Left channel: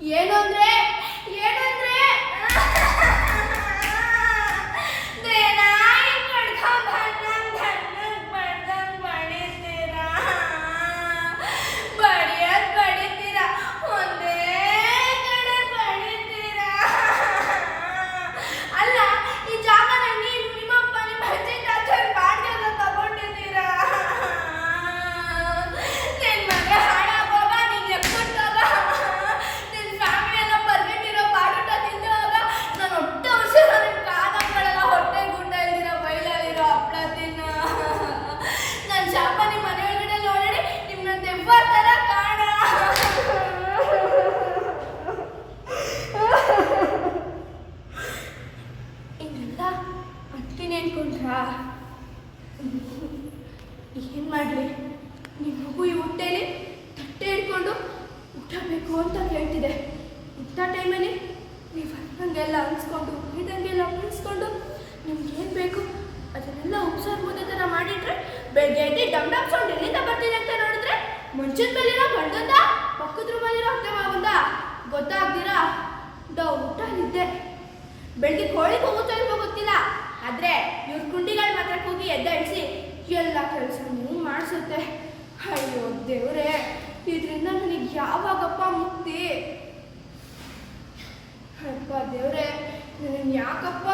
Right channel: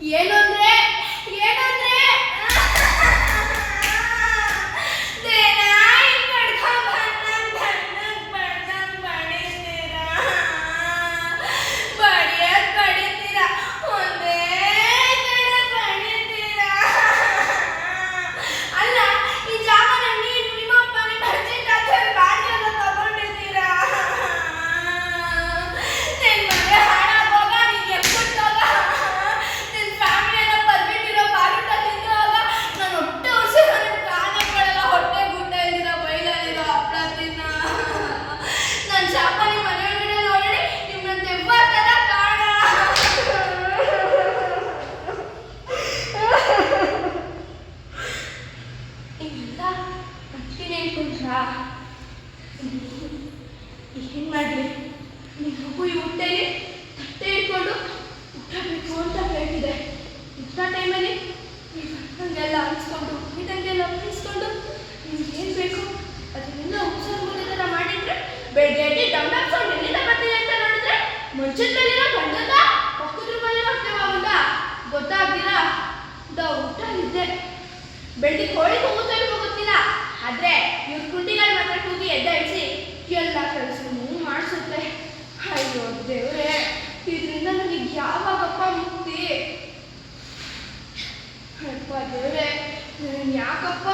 ಏನು ಅಂದ್ರೆ ಏನು ಅಂದ್ರೆ ದೇನಾಯಿ ಪಡ್ಕೊಂಡ್ ಬಂದಂಗ್ ಬಡಿತೀರಾ, ಬಡಿಯದ್ ಬಡಿತೀರಾ, ಒಂದೇ ಕಡೆ ಬಡಿತೀರಾ. ಅಲ್ಲ, ಈ ಜಾಗನ ನೀನು ನಿಮ್ಮಪ್ಪ ನಿಮ್ಮ ಅಜ್ಜಿ ತಾತವ್ರ ಬಾಡಿಗೆಲ್ಲ ತಗೊಂಡಿದ್ದೀರಾ. ನಿನ್ ಮನೆ ಹಾಳಾಗೋಗ, ನೀನ್ ಎಕ್ಕುಟ್ಟೋಗ, ನಿನ್ ಫ್ಯಾಮಿಲಿ ಎಲ್ಲ ಬರ್ಬಿಟ್ಟಿರೋ ಬಾಡುಟ ತಿನ್ನುವಾಗ ನಾನು ಹೊಟ್ಟೆ ಉಸಿರೋ ನಿನ್ ಕಾಲಗಳೆಲ್ಲ ಹೊಟ್ಟೆ ಗುಡ್ಡ ಇದ್ದೀರಾ, ಬೈಲಲ್ಲಿರೋ ಹಪ್ಪಳ ತಿನ್ನ. ನನ್ನ ಶಾಪ ನಿಮ್ಮ ಮನೆಯೊಳಗಡೆ ನೋಡಿ ನಿಮ್ಮನ್ನ ದೆವ್ವ ಥರ ಕಾಣ. ಇನ್ನೆಲ್ಲ ಅಕ್ಕಿನ ಹೇಳ್ಕೊಂಡ್ರಾ? ಏನ್ ಮಾಡ್ಲಿ, ನಿಮ್ಮ ಮಗು ಈ ಹೊಟ್ಟೆಲಿ ತಟ್ಟೆ ಇಟ್ಕೊಂಡು ಊಟ ಬೇಕು ಅಂತ ಹೇಳ್ತಿದೆ. ಇಂಥ ಟೈಮಲ್ಲಿ ನೀವು ಹಂಗೆಲ್ಲ ಅನ್ಸ್ಕೊಂಡು ಇದಂಗೆಲ್ಲ ಅನ್ಸ್ಕೊಂಡು ನಿಮ್ಗೆ ಏನು ಬೇಕು ಅದನ್ನೆಲ್ಲ ಉಪ್ಸಾರು ಮುದ್ದೆ ಥರ ಮಾಡಿಟ್ರೆ ಬೆಳಗ್ಗೆ ಎದ್ದು ಡಮ್ ಡಮ್ ಸೌಂಡ್ ಎಲ್ಲಿಂದ ಬರ್ತಿದೆ ಅಂತ ನೋಡಿದ್ರೆ ಮಂಚದ ಮೇಲಿರೋ ಗಂಡಂದ ಪಕ್ಕದ ರೂಮಲ್ಲಿರೋ ಅತ್ತೆ ಮಗಂದ ಗೊತ್ತಾಗ್ದಿರಾ ಊಟ ಇದ್ದೆ. ಬೆಳಗ್ಗೆ ಕೋಳಿ ಹೋಗುತ್ತೋ ಇಲ್ವೋ ಗೊತ್ತಿಲ್ಲ, ಆದ್ರೆ ಇವ್ರ ಕುಂಡಿಗಳು ಮಾತ್ರ ಕೂಗಿ ಎದ್ದಾಡಿಸಿ ಎಲ್ಲ ಕೆಲಸನೂ ಮಾಡಿಸುತ್ತೆ. ಅಯ್ಯೋ ದೇವ್ರೆ, ಇದರಿಂದ ನನಗೆ ಯಾವಾಗಪ್ಪ ಮುಕ್ತಿ? ಅಪ್ಪ ದೇವ್ರೆ, ನನಗೆ ಯಾಕಪ್ಪ